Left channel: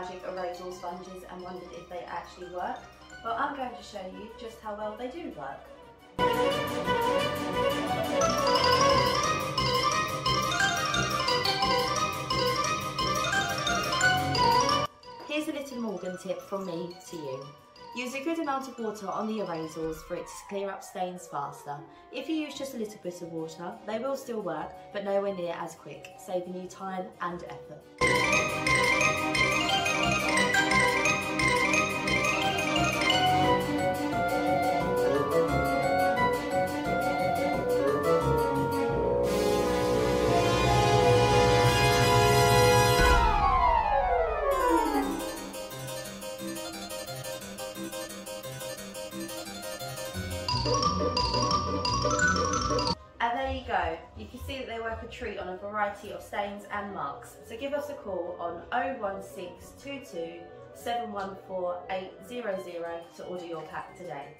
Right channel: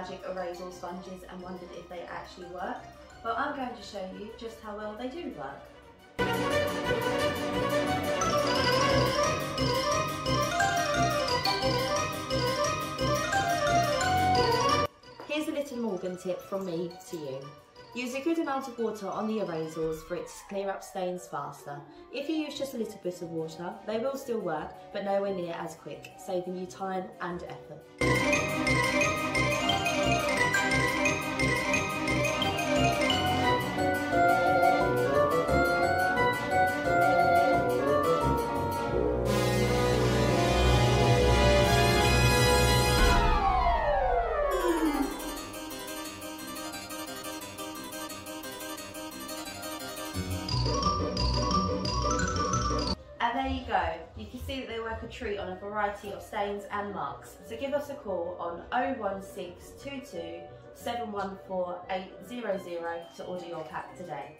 magic erasal sponges and wondered if they actually work. Well, I'm going to show you just how well they do work. Here's a little Morgan tip from me to you. Use a good amount of water on the erasals for it to clear up stains faster. If you use just a little bit of water, they will still work, but nowhere near as quick, saving you time and effort. And there you go, you can see that they work a treat on a variety of stains and marks. So give us a call on 01622 714 800 to order your pack today.